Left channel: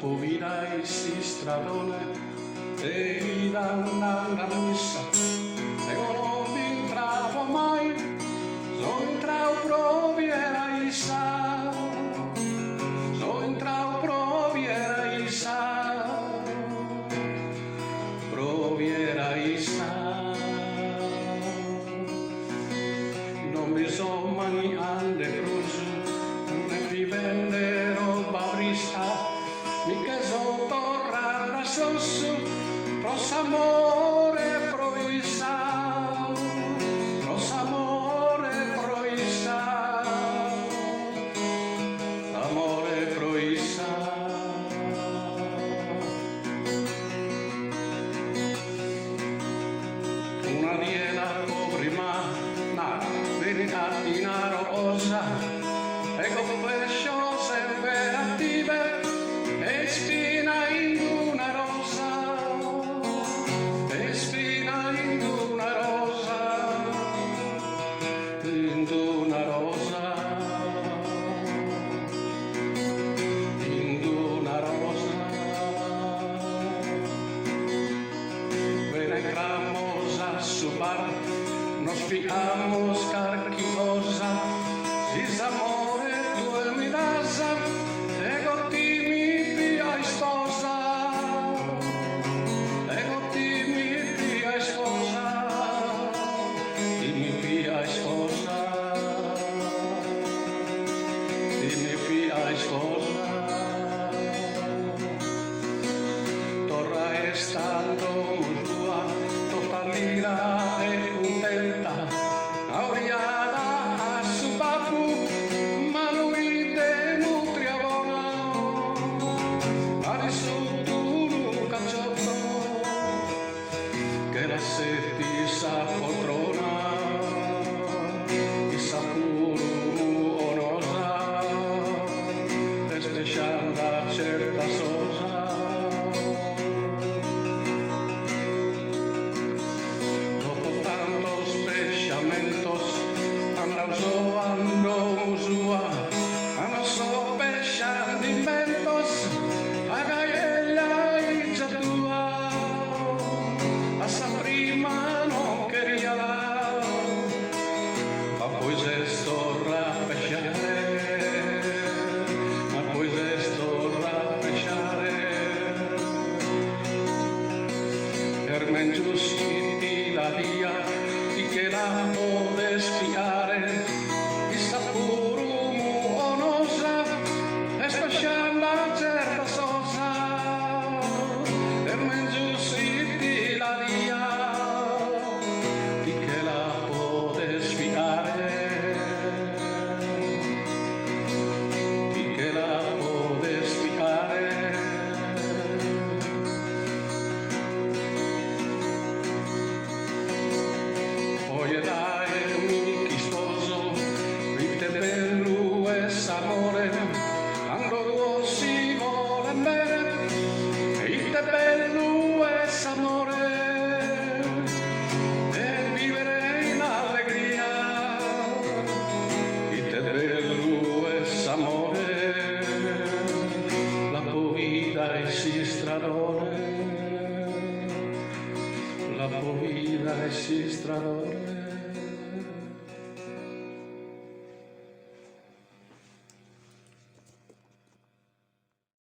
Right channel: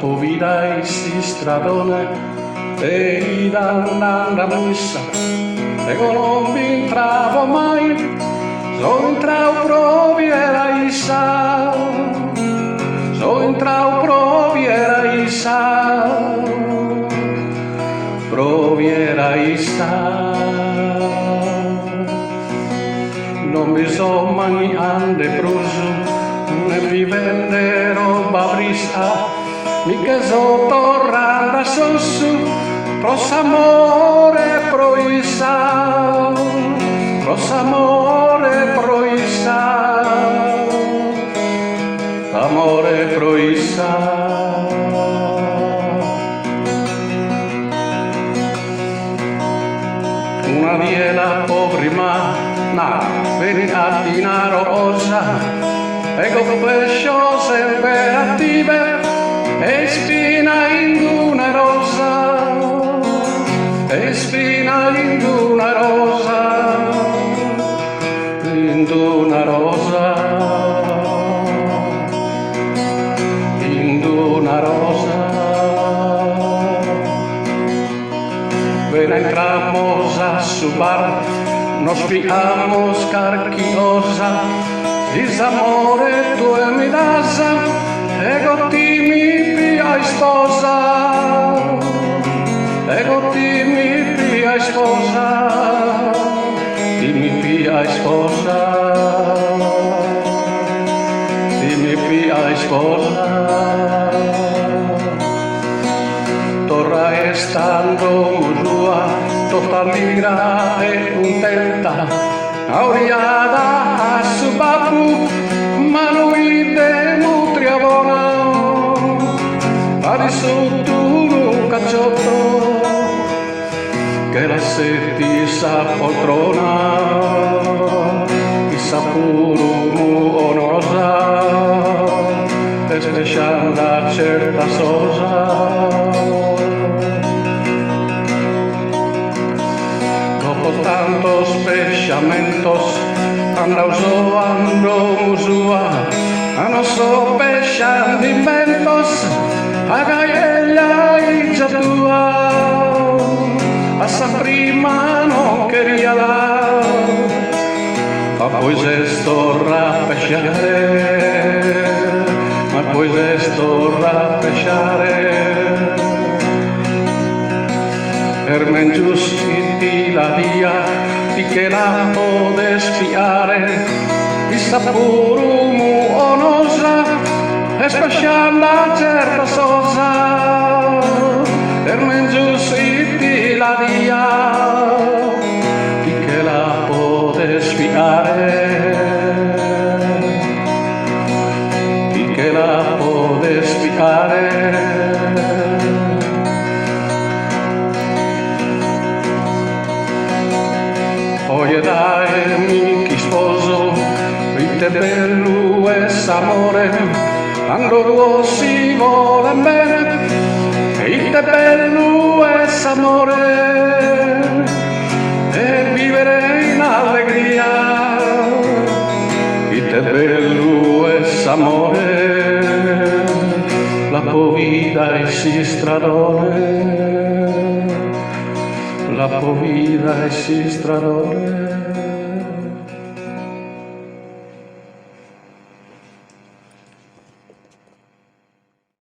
povida si stradone e da bussa ego non vi entravo mai so entrao proviera isa so entrao proviera isa non mi so mai ande pruso ne mi vende roba brisa mica so torranda sossu pros amore proisa amore proisa una biela povrima na verità rosa ego pescio sempre attive e spina in una rosa e spina in una rosa in una rosa in una rosa ven entramos a su bar nos picamos carquiosa disamore tu e mi dasa ego ti mi pia sposa ego ti mi pia sposa ti mi pia sposa ti mi pia sposa torra estando musua total ligra e contenta auriada a su babu manuide nutriabona pari sotto un cacciotto che la setisa poltrona chissà puro onosa e speciale certa sosa tantos pechamentos ando musua no so pechandimentos agaella y chatua asa prima no quería dar pues esto rapechare pues esto rapechare Ermengius iti la via di che la podes fiare di sapurumu onosa e spascianda certa sosa Ermengius iti la via di che la podes fiare di che la podes fiare Oye dai mi sposo, vite bello e s'amore, quando si vuole bene, vite bello e s'amore, e vivere in allegria, vite bello e s'amore, la povida e si stradone. La povida e si stradone